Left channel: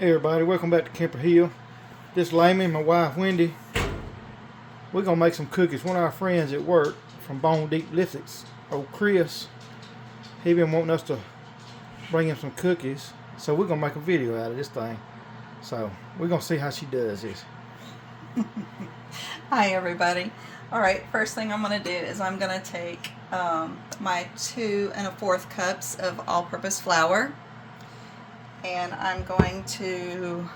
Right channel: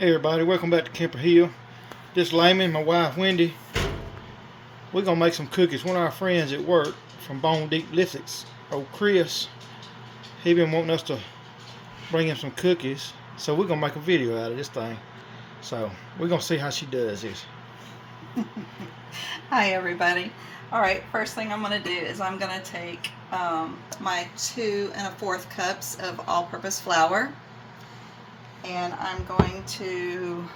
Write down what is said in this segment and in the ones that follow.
Hey everybody, welcome back to Kemper Hill. This Layman, my wife Wendy, we're gonna make some cookies. One of our friends at work from Bone Deep Lithics, old Chris, he been wanting us to bring him some cookies, so we're gonna make a video out of this thing. So we're gonna see how she does this. Hi everybody. Alright, first thing I'm going to do is I'm going to take my 2 1/4 cups of all-purpose flour, and I'm going to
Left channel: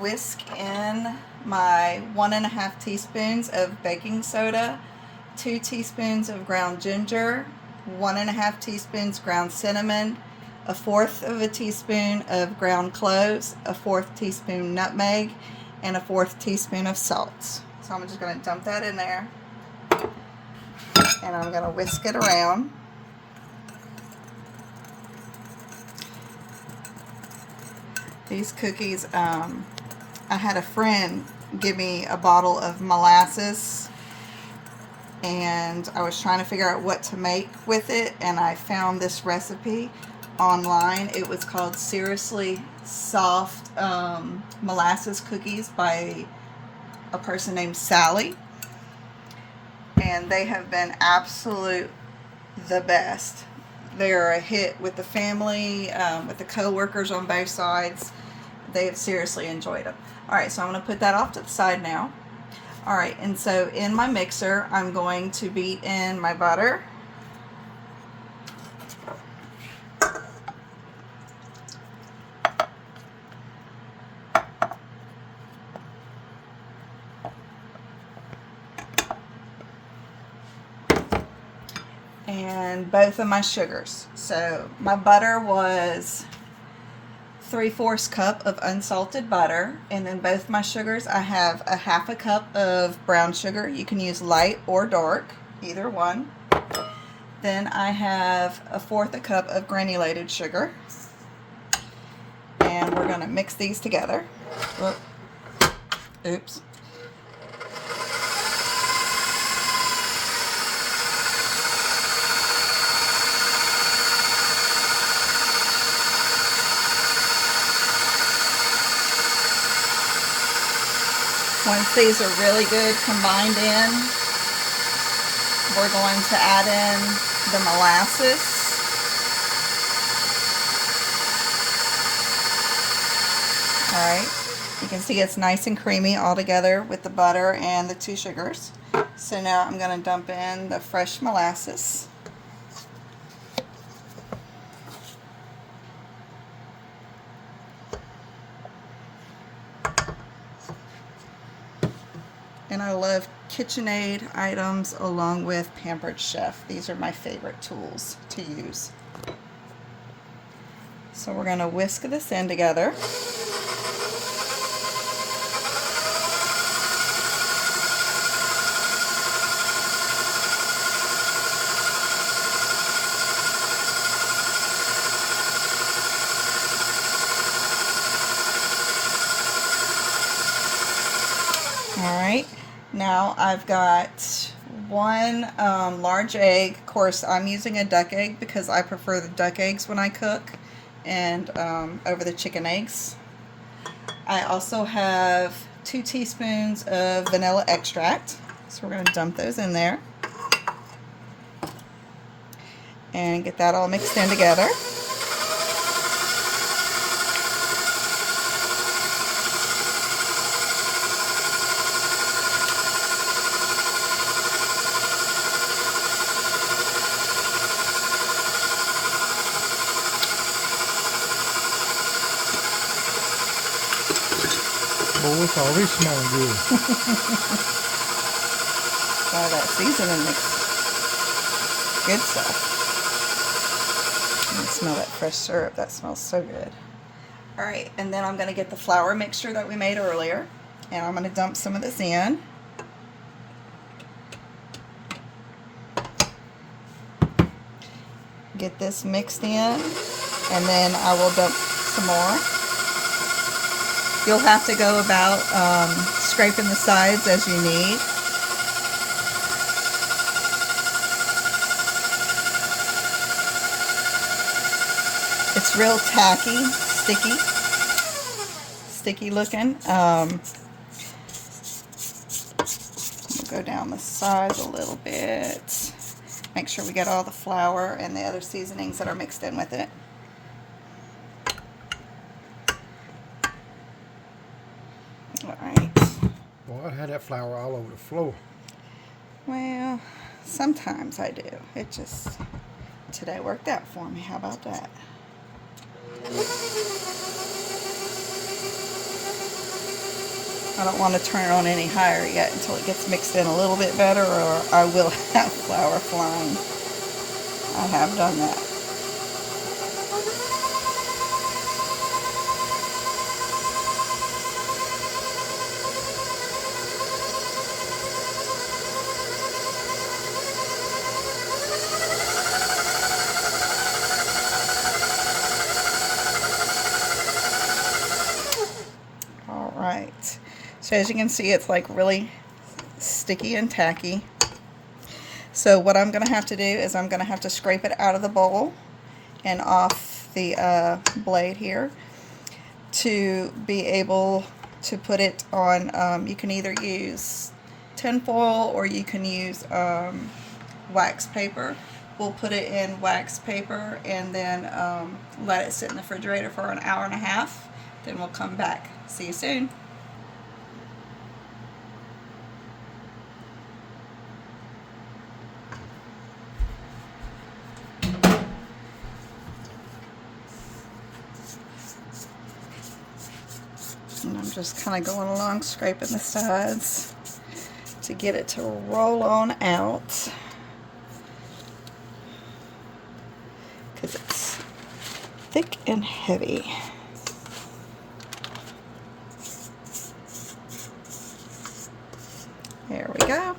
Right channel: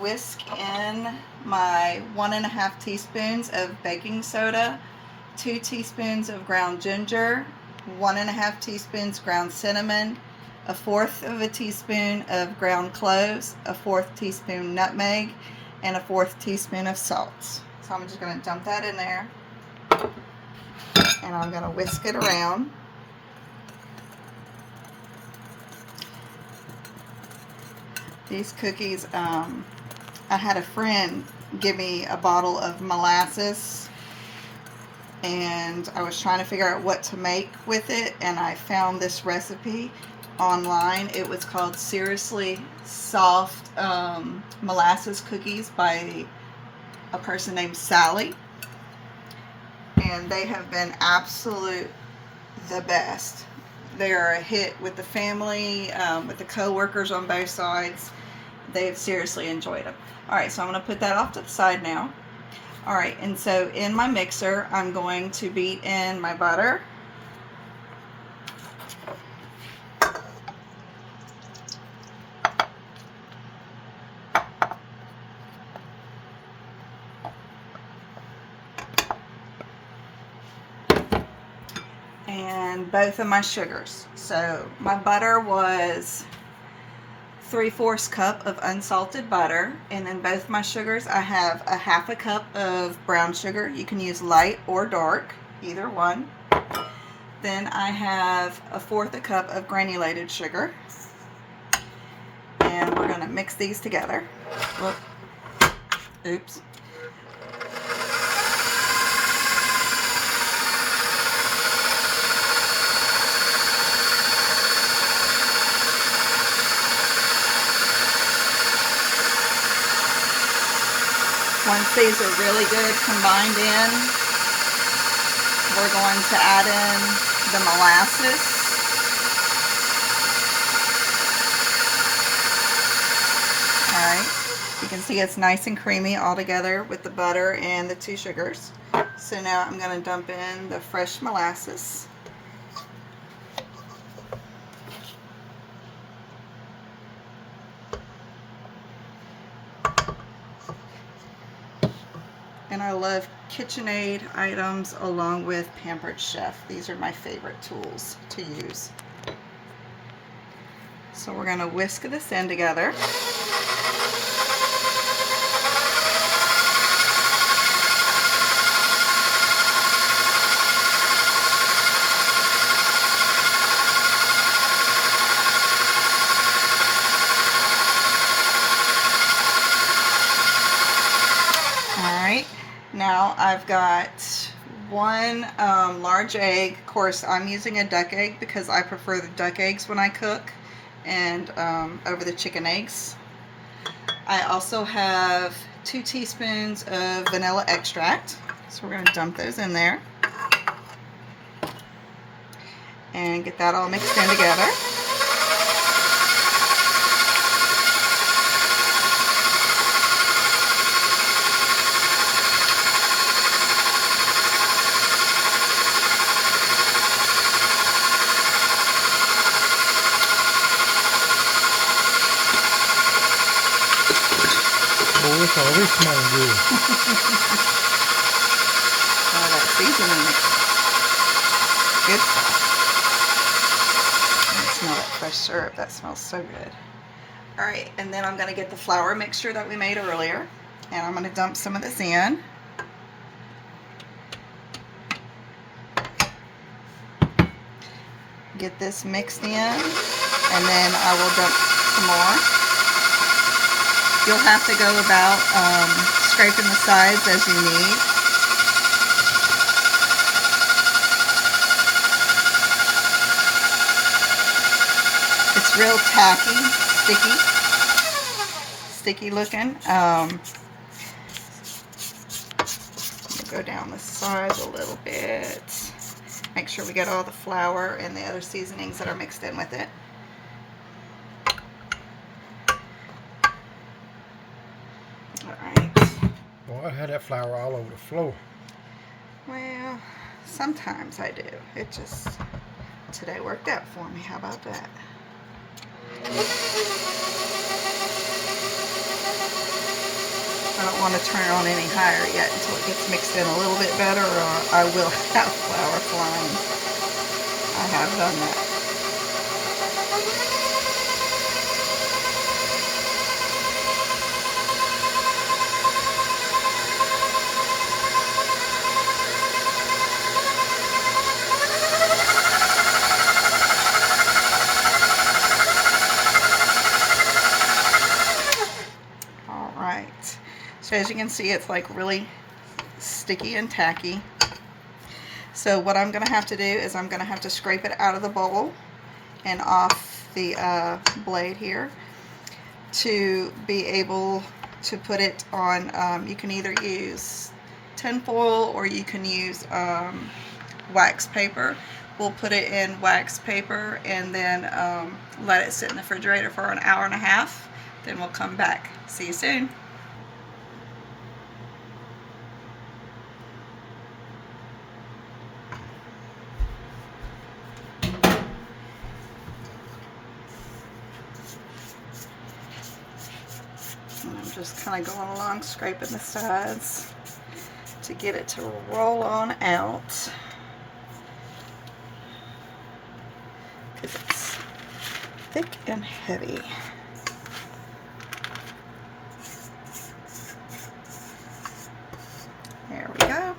whisk in my 1 1/2 teaspoons of baking soda, 2 teaspoons of ground ginger, 1 1/2 teaspoons ground cinnamon, 1/4 teaspoon of ground cloves, 1/4 teaspoon nutmeg, and 1/4 teaspoon of salt. So I'm just going to dump that in there, and I'm going to whisk it around. These cookies, I had a friend give me a bottle of molasses, and I was trying to figure out what to make with it, and I found this recipe online. It was called Seriously Soft Molasses Cookies by a person named Sally, and they have been absolute the best. They're a hit with the family, with the co-workers on both sides. They have seriously enjoyed them. Alright, so I'm going to put that off to the side now. Alright, and so in my mixer I'm going to beat in my butter, and both of my sugars. So my butter was 3/4 cup of unsalted butter, and then both my sugars, I have a 1/2 cup of brown sugar. You can use light or dark, either one. Then I have 1/4 cup of granulated sugar, and we're going to mix these together. Oh, oops. Once these are really good combined in, we're going to add in the molasses. Alright, you can see it's nice and creamy all together with the butter and the 2 sugars. So now I'm going to dump in the fresh molasses. And I love KitchenAid items along with Pampered Chef. These are my favorite tools to use. So we're going to whisk this in together. Alright. Now I've got 1 large egg. Of course, I'm using a duck egg because I prefer the duck eggs when I cook, and over the chicken eggs. I also have 2 teaspoons of vanilla extract, so we're going to dump those in there and get that all mixed in together. Oh, it's already smelling good. Oh, that seasoning mix. Good stuff. I smell that fresh syrup. That smells so good. Alright, and then I'm going to get the flour mixture that we made earlier, and I'm going to dump some of this in. Get this mixed in, and then I will dump some more. You'll have to go about scraping the sides as you need. It's real tacky, sticky looking. Go down the sides a little bit. Make sure we get all the flour and the other seasonings that are mixed in with it. Alright. Boy, I had that flour all over the floor. Well, sometimes I do. It just, today worked out for me. How about that? I don't want to turn it on any higher yet until it gets mixed in a little bit better, or I will have flour flying. I have done that. So as you can see, it's like really sticky and tacky. So what I'm going to have to do is I'm going to have to scrape it out of the bowl and off the blade here to be able to put it on. You can either use tinfoil or you can use wax paper. We'll put it in wax paper and then let it sit in the refrigerator for an hour and a half. Then we'll come back. See you soon. And I'm just kind of going along, scraping the sides to get it to roll on out, because it's thick and heavy. There we go.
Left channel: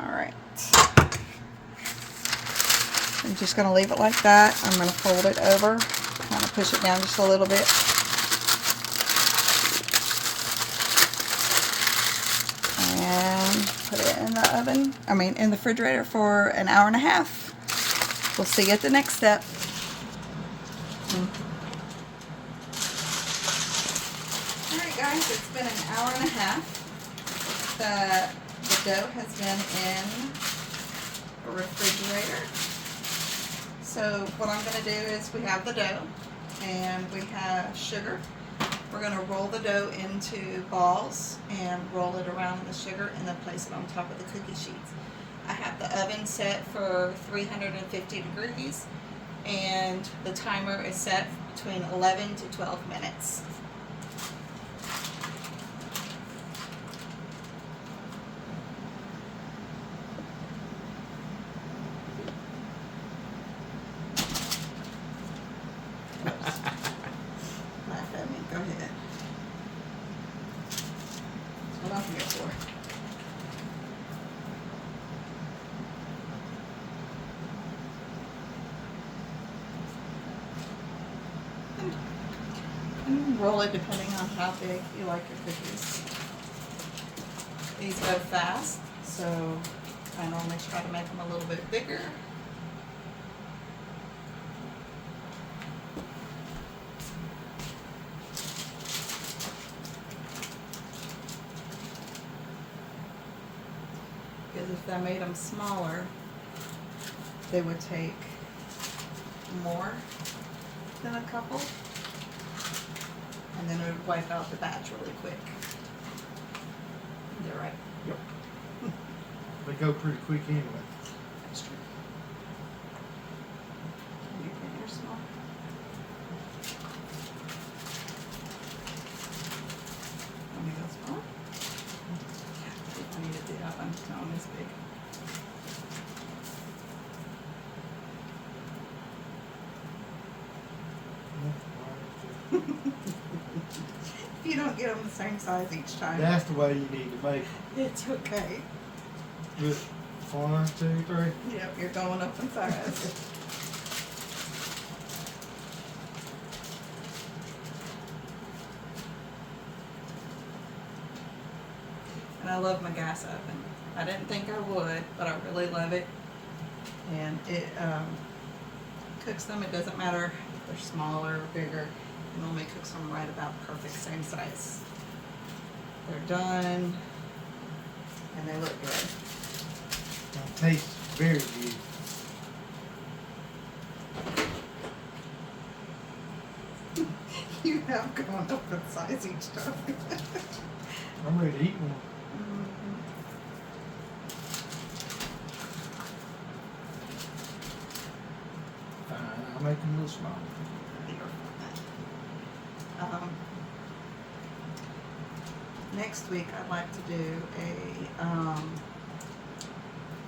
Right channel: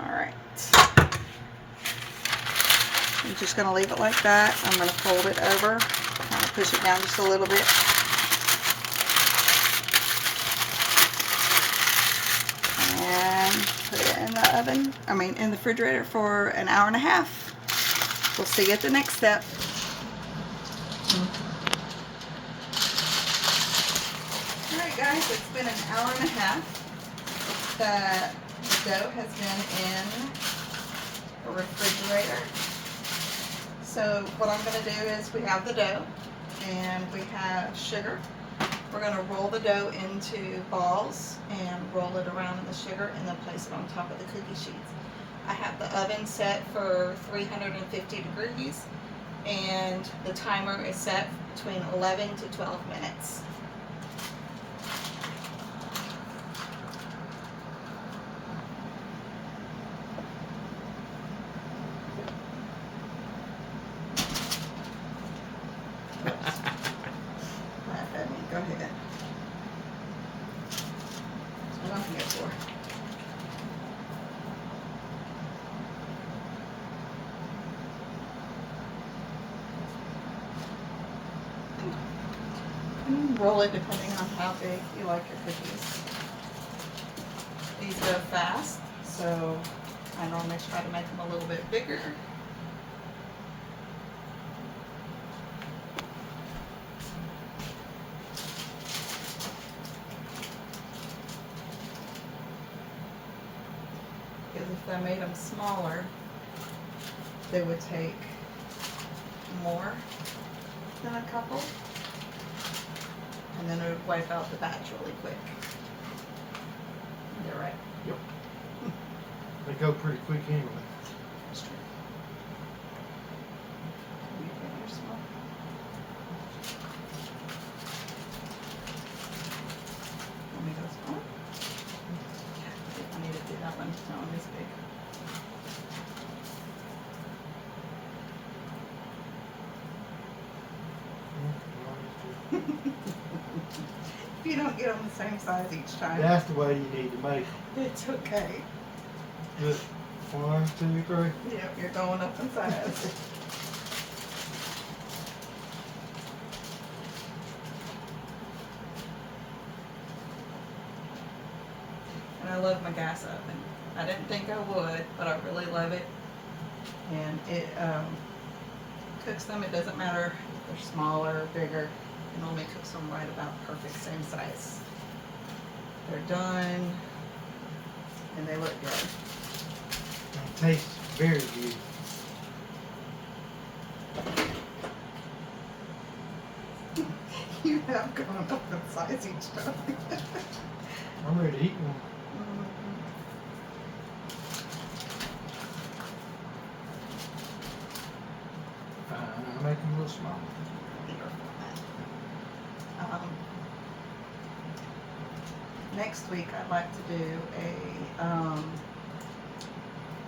Alright. I'm just going to leave it like that. I'm going to fold it over, kind of push it down just a little bit. Put it in the oven, in the refrigerator for an hour and a half. We'll see you at the next step. Alright guys, it's been an hour and a half. The dough has been in the refrigerator. So what I'm going to do is we have the dough and we have sugar. We're going to roll the dough into balls and roll it around in the sugar and then place it on top of the cookie sheets. I have the oven set for 350 degrees and the timer is set between 11 to 12 minutes. Laugh at me. Go ahead. That's what I'm here for. And roll it depending on how big you like your cookies. These go fast, so I normally try to make them a little bit bigger. Because if I made them smaller, they would take more than a couple, and then it would wipe out the batch really quick. Is that right? Yep. They go pretty quick anyway. That's true. You big or small? Want me to go smaller? I need to do that one. That one is big. If you don't get them the same size each time. That's the way you need to make it. It's okay. Just 1, 2, 3. Yep, you're going up in size. And I love my gas oven. I didn't think I would, but I really love it. And it cooks them, it doesn't matter if they're smaller or bigger. It normally cooks them right about perfect same size. They're done, and they look good. It tastes very good. You have gone up in size each time. I'm ready to eat one. I'll make them a little smaller. Next week I'd like to do a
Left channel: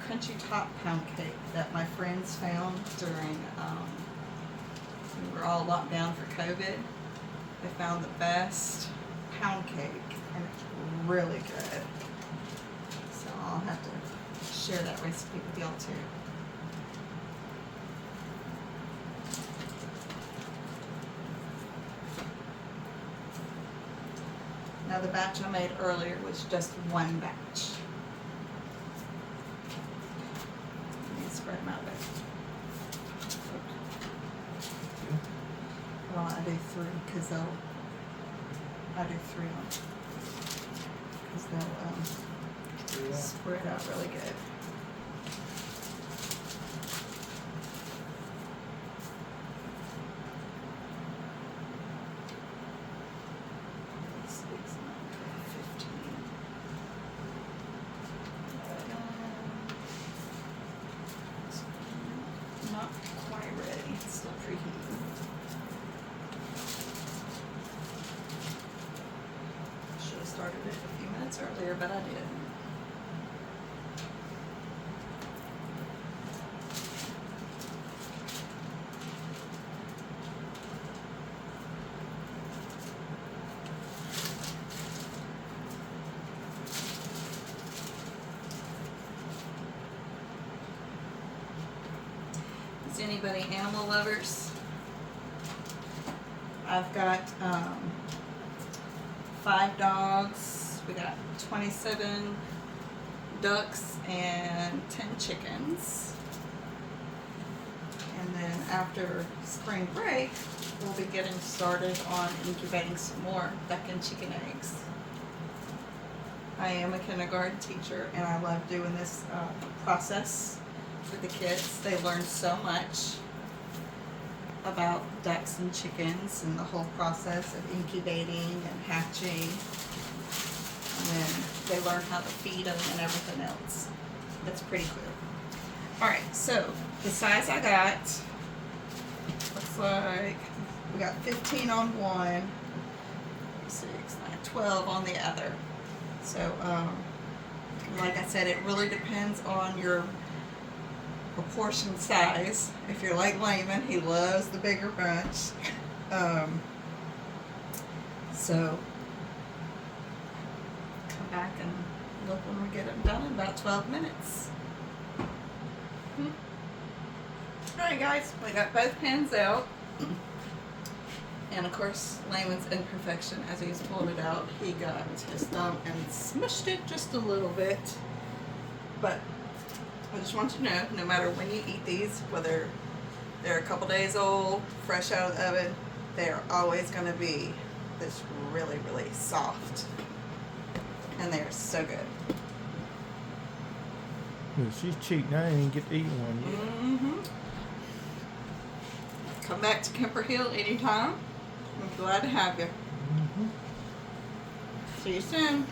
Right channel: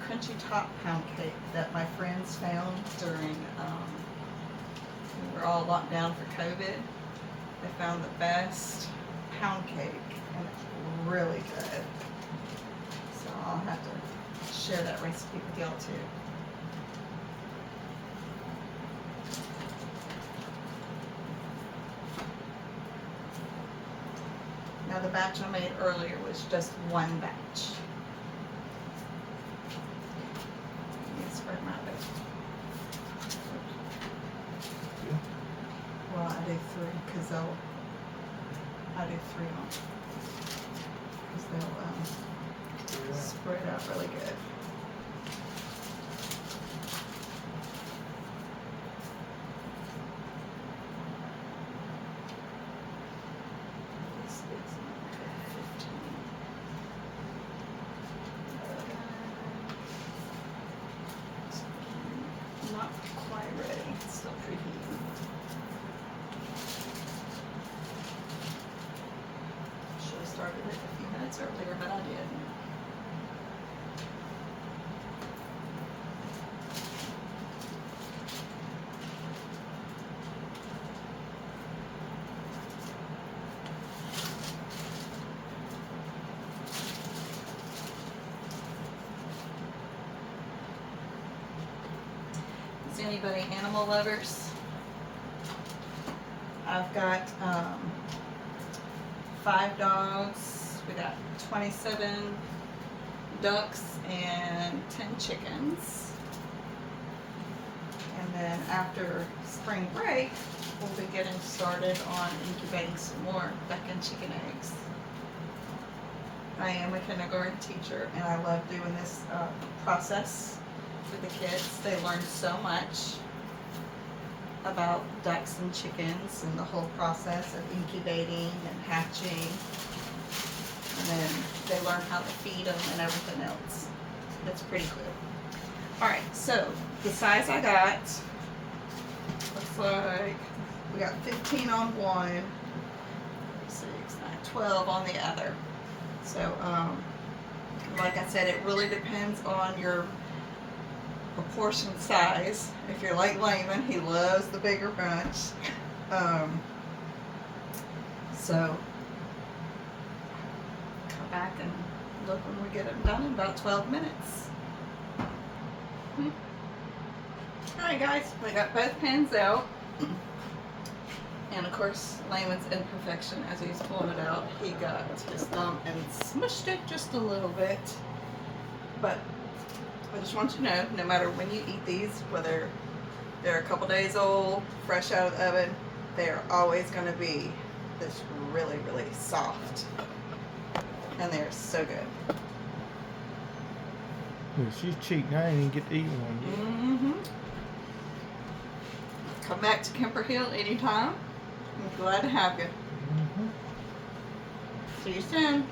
crunchy top pound cake that my friends found during we were all locked down for COVID. They found the best pound cake, and it's really good. So I'll have to share that recipe with y'all too. Now the batch I made earlier was just one batch. Let me spread them out there. Well, I do three because I do three on because they'll spread out really good. Not quite ready. It's still preheating. Should have started it a few minutes earlier, but I didn't. Is anybody animal lovers? I've got 5 dogs. We got 27 ducks and 10 chickens. And then after spring break, we'll be getting started on incubating some more duck and chicken eggs. I am a kindergarten teacher, and I love doing this process with the kids. They learn so much about ducks and chickens and the whole process of incubating and hatching, and then they learn how to feed them and everything else. It's pretty cool. Alright, so the size I got looks like we got 15 on one, 6, 9, 12 on the other. So like I said, it really depends on your proportion size. If you're like Layman, he loves the bigger bunch. So come back and look when we get them done in about 12 minutes. Alright guys, we got both pans out. And of course, Layman's imperfection as he's pulling it out, he got his thumb and smushed it just a little bit. But I just want you to know, no matter when you eat these, whether they're a couple days old, fresh out of the oven, they are always going to be this really, really soft. And they're so good. Yeah, she's cheating. I didn't even get to eat one yet. Come back to Kemper Hill anytime. I'm glad to have you. See you soon.